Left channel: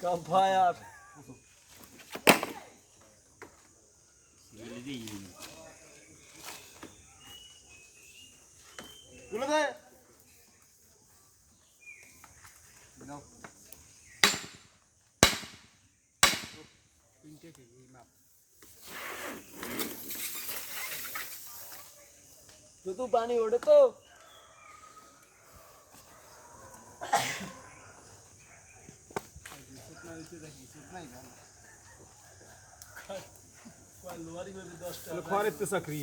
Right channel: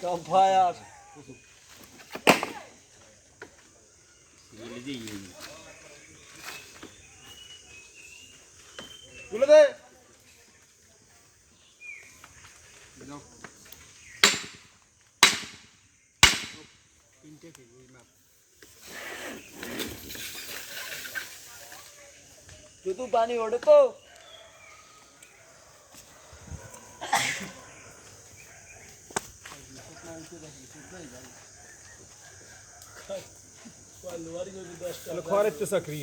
Campfire. তুলে দে শুধু পানি ওঠে তো খড়ের তো চাকরি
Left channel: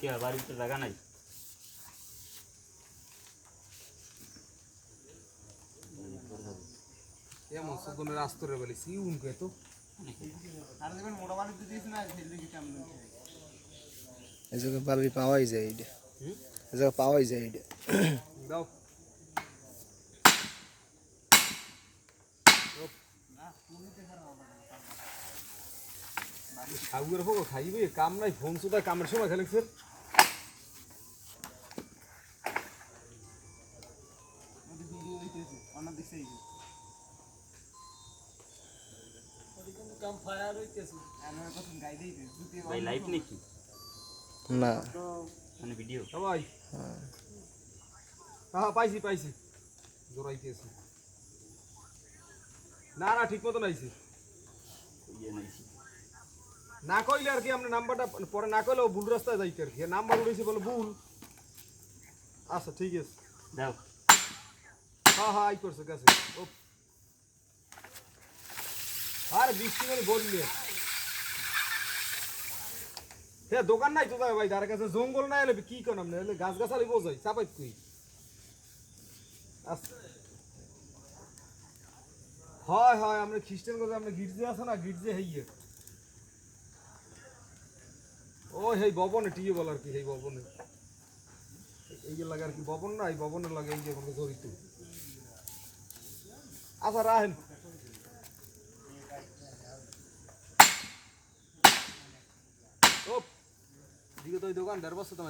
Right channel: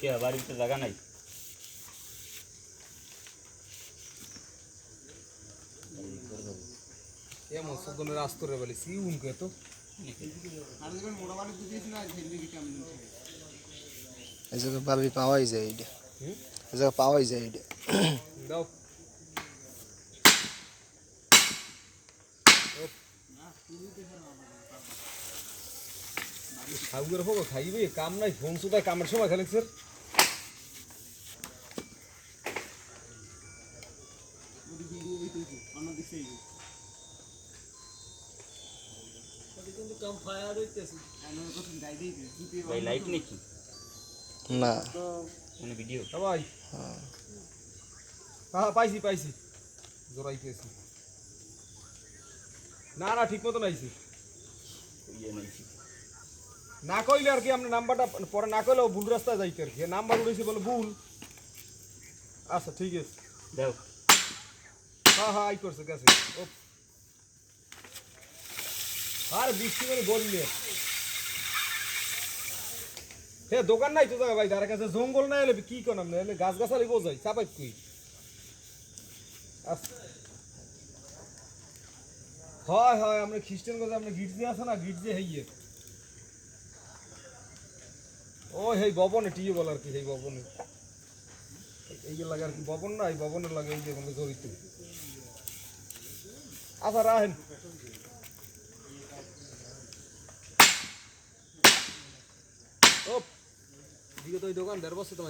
কে বাড়িতে জায়গা নাই এমন সুগনের আস্তরে বলে সিউন কে তো এই জায়গায় বালি পাওয়াই যায় এটা এই জায়গায় পাওয়াই যায় এটা দাও সাউয়ের হোক খাইবে কাম নাই ফোন সুদা কামের সময় খেলে স্যার ভাই লাইভ নাকি না মানে ভিডিও ভাই হ্যাঁ পাইছি পাইছি জোরাইতেছি না না ঠিক মতো নাইছি ইয়ে নাইছি না কইলে আর কি আমরা নাম্বারটা পরে না কইলেও ভুল রাস্তায় যাইতে আর কি নাম্বার উঠেছি বলে ভুল আচ্ছা ঠিক আছে দাও হ্যাঁ হ্যাঁ আই করছে গেছে ও আর বৃষ্টি করে বললে হে দোকান নাই তো জায়গা ভাই তার কাছে জঙ্গল নাই এলে কি কোন আমনে এলে গাছ গাছালি বোঝাই চাপাই তুই হয় হয় আমরা খ্রিস্টান কথা আমরা গির্জে আছে না গির্জে হইয়ে ও হেই ভবনে টিয়ে বল আর কি হেই ভবনে এই যে লাগে আর কি ভবন না এই ভবনের লাগে এই যে আমাকে জড়িত আচ্ছা রাহেন ও দিকে তো ওই দোকান 1.5 বছর